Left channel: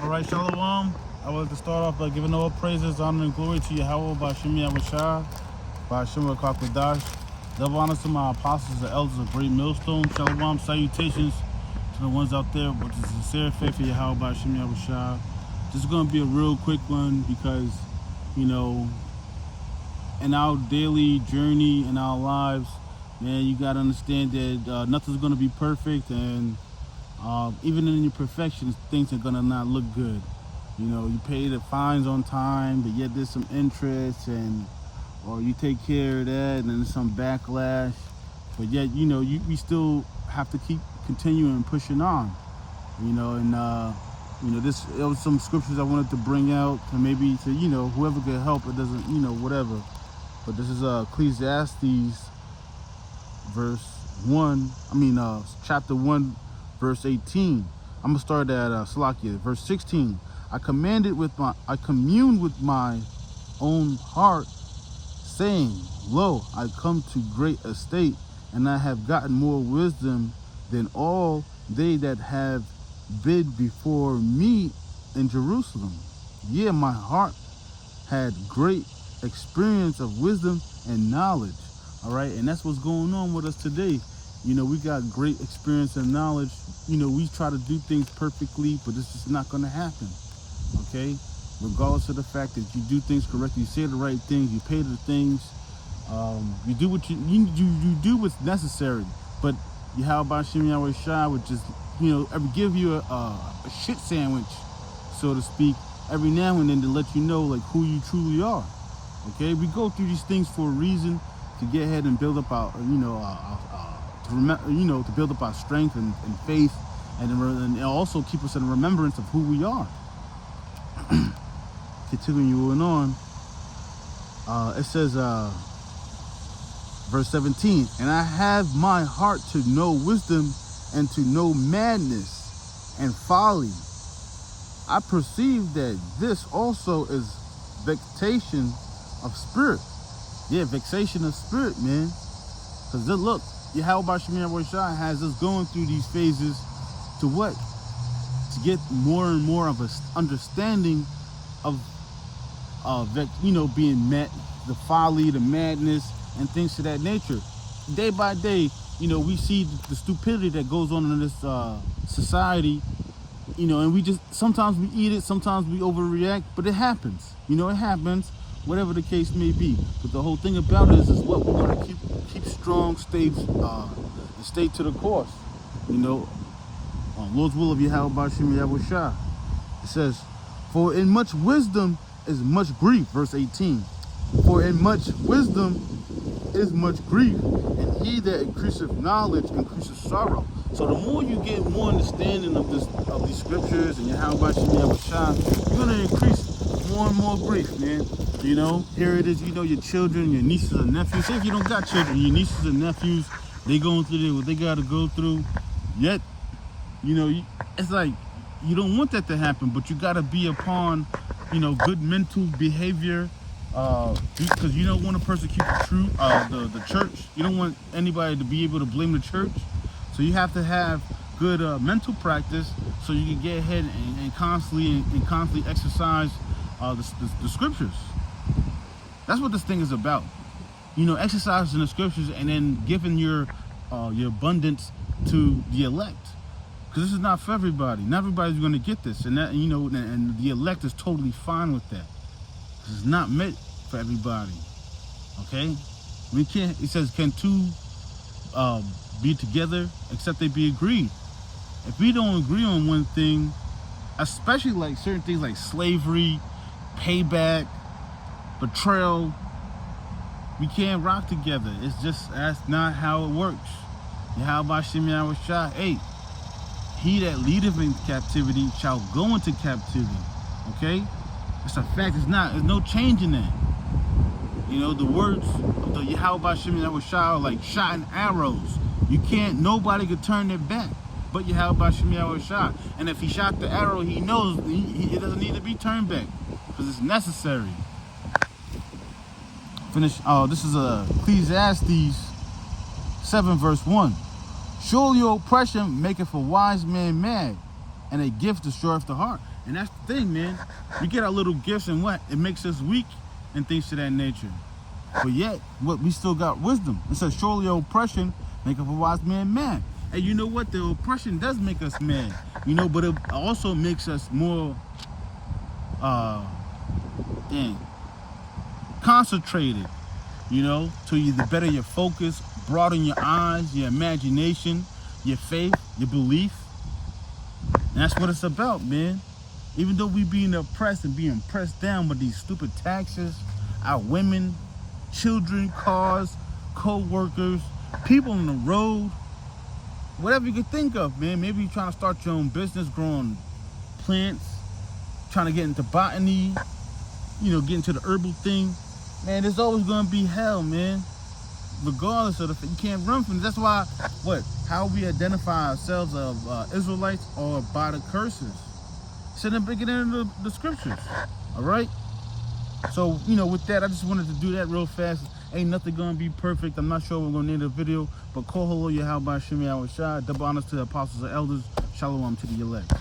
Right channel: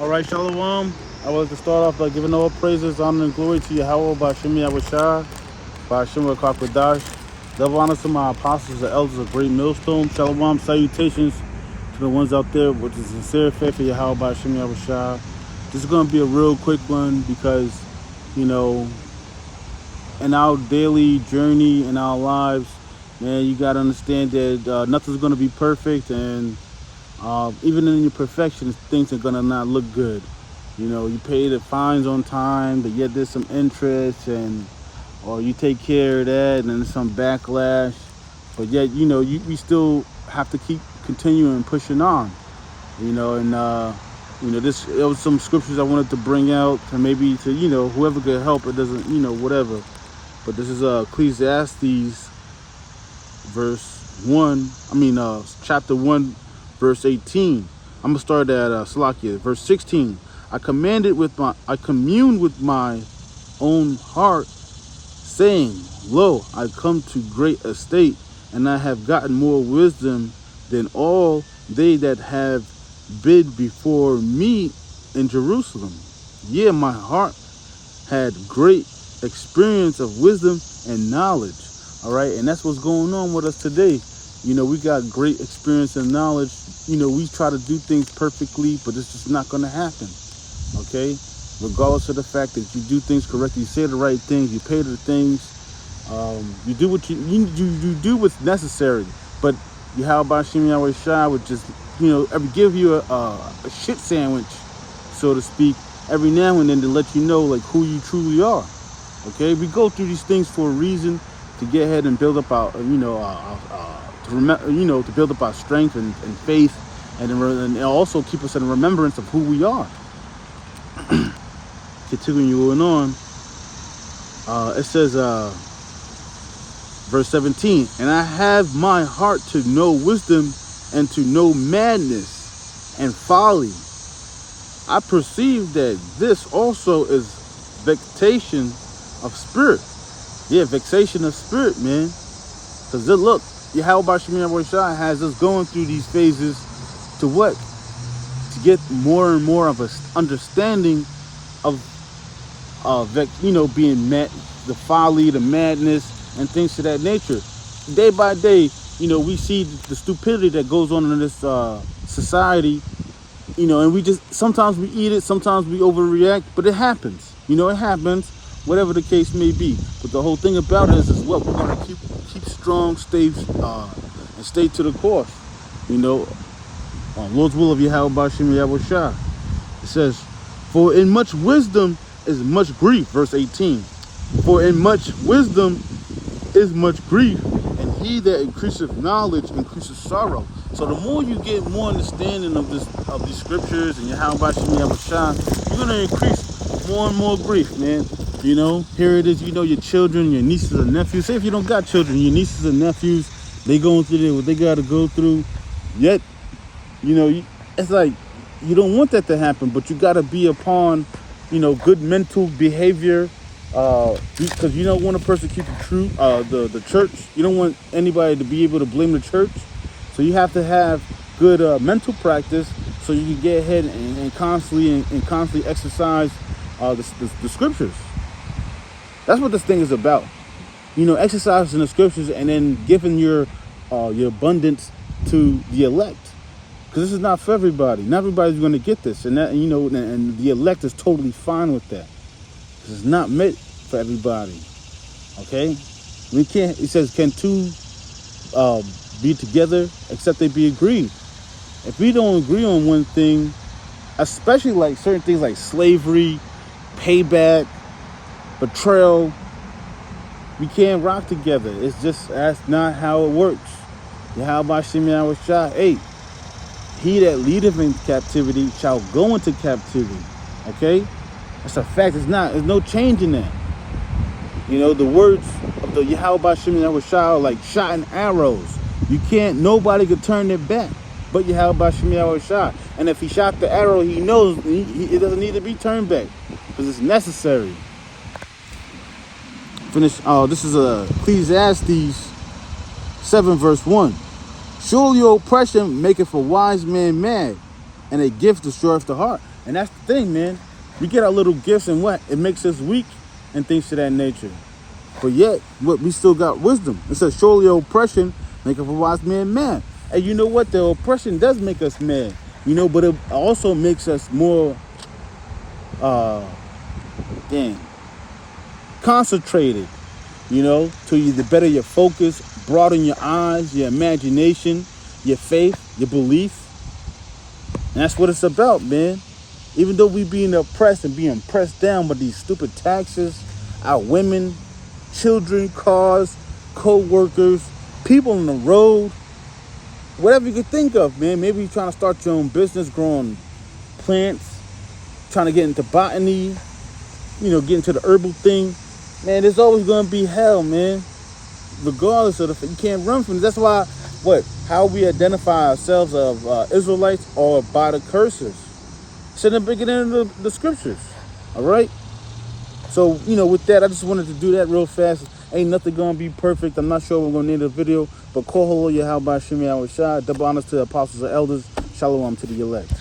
All right, Shalom. I would like to start off by giving all praises, honor, and glory to Yahweh, Bashim Yahushua, Bashim Rakakwadash. Double honor to my apostles, the elders of Great Millstone. Shalom, salutations to the ones out there with the sincere faith of Yahweh, Bashim Yahushua. This is going to be a real quick one because, in our daily journey, in our lives, man, you got to understand that nothing's going to be perfect, and even in your perfection, things are gonna not look good. You pay the fines on time, but yet there's some interest, or you take care of that, and then there's some backlash. But yet, we still have to keep continuing pushing on. This it was some scriptures I wanted to bring out, and maybe to whoever could help. It doesn't, whatever. But this is Ecclesiastes, chapter 1. Verse 18. I'm gonna start at Salakia. Verse 16. I communed with my own heart, saying, Lo, I come to great estate, and I have gotten more wisdom than all they that have been before me in Jerusalem. Yeah, my heart had great experience of wisdom and knowledge. All right, and that's what's going on with us today. We got great experience and knowledge. We try to do things perfectly, but it's just not going to happen, okay? Regardless of the fact that you do things correctly, you say the right things, you pay the things, you do what you do what's necessary. But Yahweh Shem Yahweh Shai would just, give you a shit sandwich, so to speak, every now and then to let you know, like, who you truly are, okay? We go through these things for a reason, to get ahead and build up our, to build up our strength and faith, and also keep us in remembrance of who we are. Continuing on, it says, verse 17, and I have my heart to know wisdom and to know madness and folly. I perceive that this also is vexation of spirit. Yeah, vexation of spirit, man. Because look, Yahweh Shem Shai has us going through these phases to what? To get more and more of an understanding of being met, the folly, the madness, and things of that nature. Day by day, we see the stupidity that goes on in this society, and we just, sometimes we eat it, sometimes we overreact, but it happens. It happens, whatever the case may be. But the whole thing about it is what we're going to keep strong, and stay to the course. On Lord's will of Yahweh Bashim Yahweh Shah. It says, for in much wisdom is much grief. Verse 18. For in much wisdom is much grief, and he that increaseth knowledge increaseth sorrow. So the more you get more understanding of these scriptures and Yahweh Bashim Yahweh Shah, you're going to increase more and more grief, man. Here it is, your children, your nieces and nephews. Say if you don't got children, your nieces and nephews, they going through what they got to go through. Yet, it's like, you don't want that to happen, but you got to be upon, good mental behavior, because you don't want to persecute the church. You don't want anybody to be able to blame the church. So you have to have good mental practice so you can get ahead and constantly exercise the scriptures. That's what this thing is about. Exercising the scriptures and then giving your abundance to the elect. Because this is not for everybody. Not everybody's going to get this. And the elect is totally fine with that. Because it's not meant for everybody. Okay? It says, can two be together except they be agreed? If we don't agree on one thing, especially like certain things like slavery, payback, betrayal, we can't rock together. That's not how it works. Yahweh Shem Yahweh Shai, hey, he that leadeth in captivity shall go into captivity. Okay? That's a fact. There's no change in that. The words of the Yahweh Shem Yahweh Shai are like shot and arrows. Nobody could turn their back but Yahweh Shem Yahweh Shai. And if he shot the arrow, he knows it doesn't need to be turned back because it's necessary. This is Ecclesiastes 7 verse 1. Surely oppression maketh a wise man mad, and a gift destroyeth the heart. And that's the thing, man. We get our little gifts and what? It makes us weak and things of that nature. But yet, what, we still got wisdom. It says, surely oppression make a wise man mad. And you know what? The oppression does make us mad. You know, but it also makes us more, concentrated. You know, to the better your focus, broaden your eyes, your imagination, your faith, your belief. And that's what it's about, man. Even though we being oppressed and being pressed down by these stupid taxes, our women, children, cars, co-workers, people on the road, whatever you could think of, man. Maybe you're trying to start your own business, growing plants, trying to get into botany, you know, get into the herbal thing. Man, there's always going to be hell, man. Regardless of you can't run from it. That's why, how we identify ourselves of Israelites or by the curses. It's in the beginning of the scriptures. All right? So, you know, with that, I just wanted to do that real fast. Ain't nothing going to be perfect. I'm not sure we're going to name the video. But call hello, Yahweh Shemi Al Shai. Double honors to the apostles and elders. Shalom to the elect.